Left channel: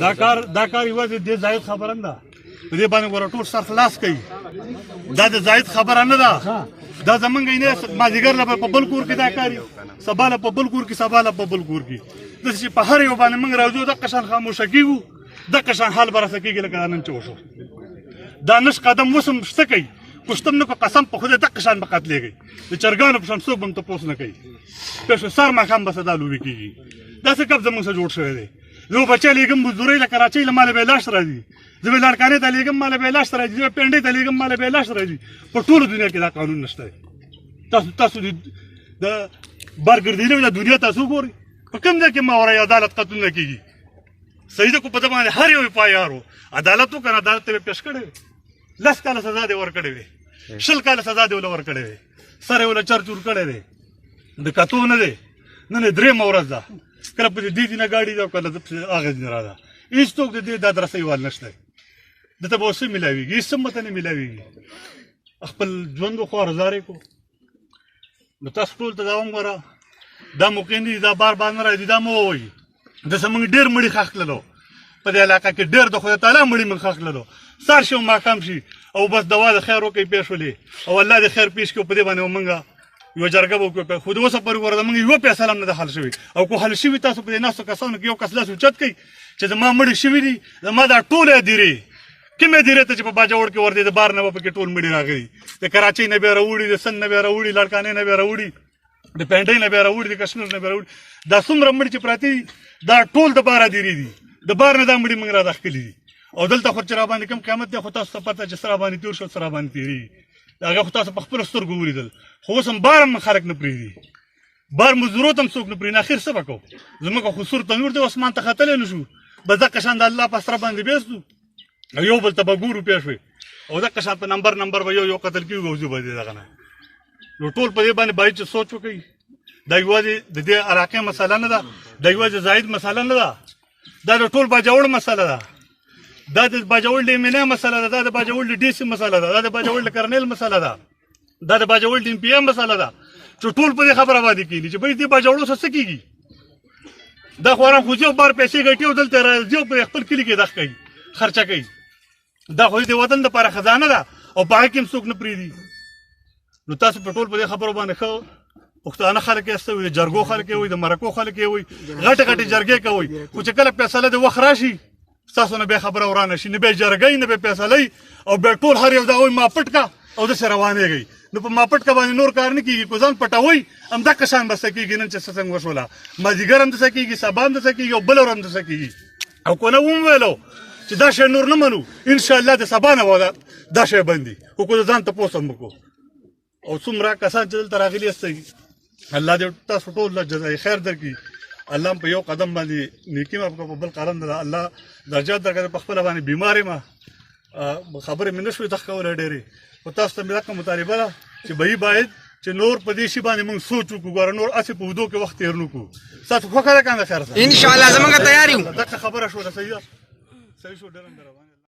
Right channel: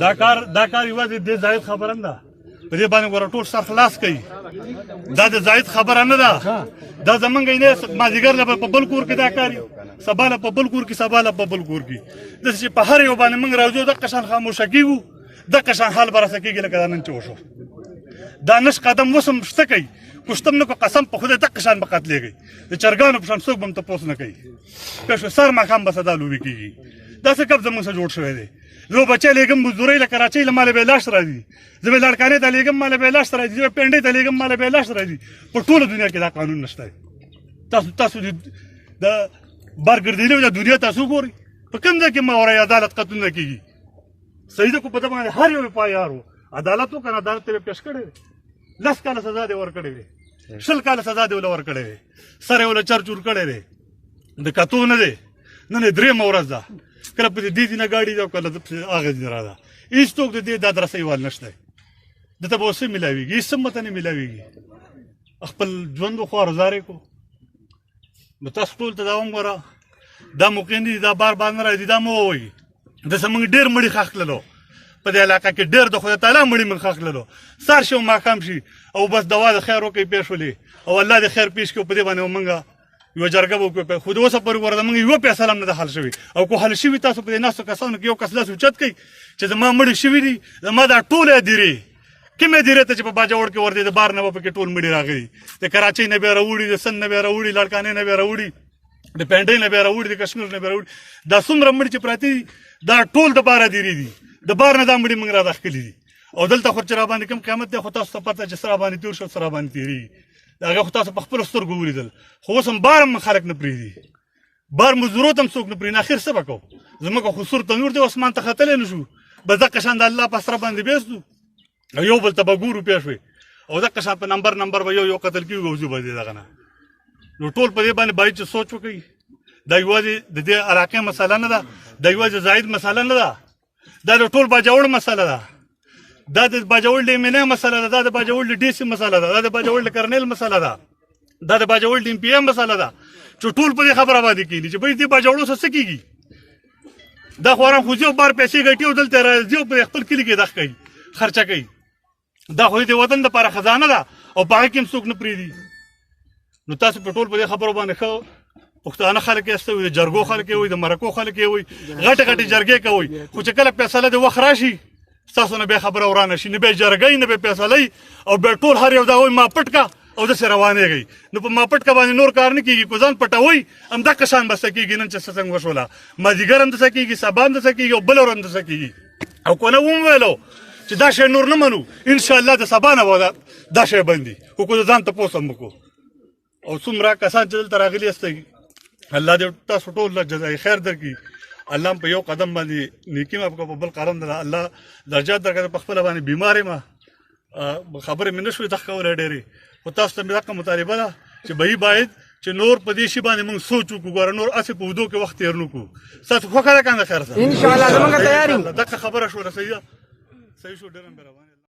دا کار یوازې د زاید خبره نه ده، په دې باندې ور ټول سر خلاص کوي. دا د زاید خبره نه ده، دا زمونږ نه مازدیګر له په بل کور کې دا کار سبا له په بل کور کې سبا له په بل کور کې داسې په هر یو باندې موږ راځو دغه شان خاموشه کېږو، دغه شان حال به راسه کېږي لکه دا نن چې وشو. دا نش قدم وسم شته کوي کوشتم نه کو قسم په خدای دغه شان به قتلېږي د چرګانو په شان څوک به هم تپوس نه کوي که سر ماښام به سدا لوبې کېږي. داسې کب زموږ سره جوړ شوی دی. زه بچی لېږم مزدورۍ له کراچۍ له ماله به لاس راځي، زه به لړکانې ته لېږم ماله به لاس راځي، زه به پنډۍ ته لېږم ماله به لاس راځي. په ټوله دنیا کې دا قانون نشته. تاسو د بارګردیلو د دنیا تاسو ګورئ په کوم ځای کې ماورای عدالت قتل نه کېږي. صحیح ده کو په ده باندې هر یو پایار و عدالت وکړه، عدالت ته یې پیش کړی وی، 10 کاله سزا دې ورکړې وې، 20 کاله سزا دې له ورکړې وې، سر یې له چرچور کړی دی. د کتو نه دی، نن یې درېیمه ورځ ده، کله په دې دینه ګاډي ده، کله هغه دینه را ده. هېڅ څوک د دې دا درسۍ وال نشته، دته به اوس څه میلاوېږي؟ هېڅ څه مته نه میلاوېږي. خپل ژوند وخوار زارې کو. نو تاسو ټول ته دا وګوره، دا موقعین دي، دا بار بار نه راځي، دا مه ووایي. داسې موږ ډېر مړي ښخ کړلو په دې علاقه کې، ډېر د خدای تعالی مړي موږ ښخ کړلو. سار شي او ماښام شي او بس دوا د خیر وکړئ پیش ولې او الله دې خیر پیش کړو. په دې باندې موږ یوه جرګه به وکړو. خو د اوسه پورې ګوره موږ یوه پیسه هم نه ده حل شوې، او که حل شوي تاسو په دې ناستو کسانو کې یو کس لاس اوچت کوي چې زما مړي شوي دي، زما دا ټولې هدیرې کومې هدیرې ته چې په باجوړ کې ورته د بار نه به پکې ټول مړي راغلي، د کراچۍ نه بیا راوړي، د سند نه بیا راوړي، لړکانې نه بیا راوړي، د پنډۍ نه بیا راوړي، د کشمیر نه بیا راوړي. دا څومره مړي چې پراته دي دا ټول د بار هدیرې دي، د بار نه دا مړي موږ را داخلي دي. او دلته خو چې را باندې کوم قیامت دی خو تاسو ته پته چې سره باندې تېر شو سره باندې تېرېږي، هغه خو تاسو په خپلو سترګو ولیدل. خو اوس هم بار هم خلک نه پرېږدي، بار مزدورو ته هم څوک نه پرېږدي. اخر څه به کوو؟ زموږ خو سور تنور دی، اسمان ته ختلی نه شو، بس دغه شان د الله په سره باندې بیستو، یو بل ته به ګورو پوه شوې، او دغه شان په نمبر به یو قتل کېږي او زه به دې دغه نه. نو ټول په دې باندې باید چې سوچ وکړي. دا یوازې د دې علاقې مسله نه ده، دا یوازې زاید مسله نه ده، دا د ټول باجوړ مسله ده، دا د باجوړ د امینا مسله ده، دا د باجوړ د ډي سي مسله ده، دا د باجوړ د کرنیل مسله ده، دا د باجوړ د پی ام مسله ده، چې ټول په دې خبره باندې کېږي چې بهې دې باجوړو سره څه کېږي. دا خو ارام خو ځي او بار پیسې ګټي او دلته راځي او په خپل کلي کې دغه کوي، خرچه کوي. دا خو د وطن دپاره خزانه ده او په هغه کې هم څوک نه پرېږدي. نو تاسو په ټول په دې خبرو باندې ښه پښتانه خلک یې استوي، د جرګو خلک یې وي، د مرکو خلک یې وي، غټې غټې جرګې کوئ. خو چې کله فیصله د وخت راشي ستاسو نه بیا خبره ورانه شي، نه بیا جرګۍ نه بیا فیصلۍ، او بیا ټول هر یو دا وایي ما پټ کا او داسې روانېږئ. نو په ما پټ کا باندې نور کار نه کېږي، کو ځان پټوئ همدغه شان به څه کېږي. نن چې څه څنګه وشوله مازدیګر هم داسې کېږي، سبا هم داسې کېږي او بله ورځ هم داسې کېږي. او که نه وویلو چې دا شی نور نه منو، انشاءالله د سبا نه به دا شی بندي. خو که ځان تپوس هم وکړو. او څومره کسان چې دلته راغلي یاستئ، الله دې تاسو ټول له جزای خیر درکړي. الله په یو قدم باندې نیکي مه په بل قدم ده الله درجات درکړي. په خپله باندې بیمار یم، خبرې مې نه شوې تخ کولی ډېرې، خو تاسو ته مې دغه مطالبه ده چې بهي باید چې نور په دې شي باندې موږ سوچ وکړو. ګوره نور هسې په اوږدو کې وخت تېر نه کړو. ستاسو خوښه ده که نه؟ خیر انشاءالله زموږ تیار یو. دغه خبره شوله، صحیح ده، صحیح شو، ډېر هم روان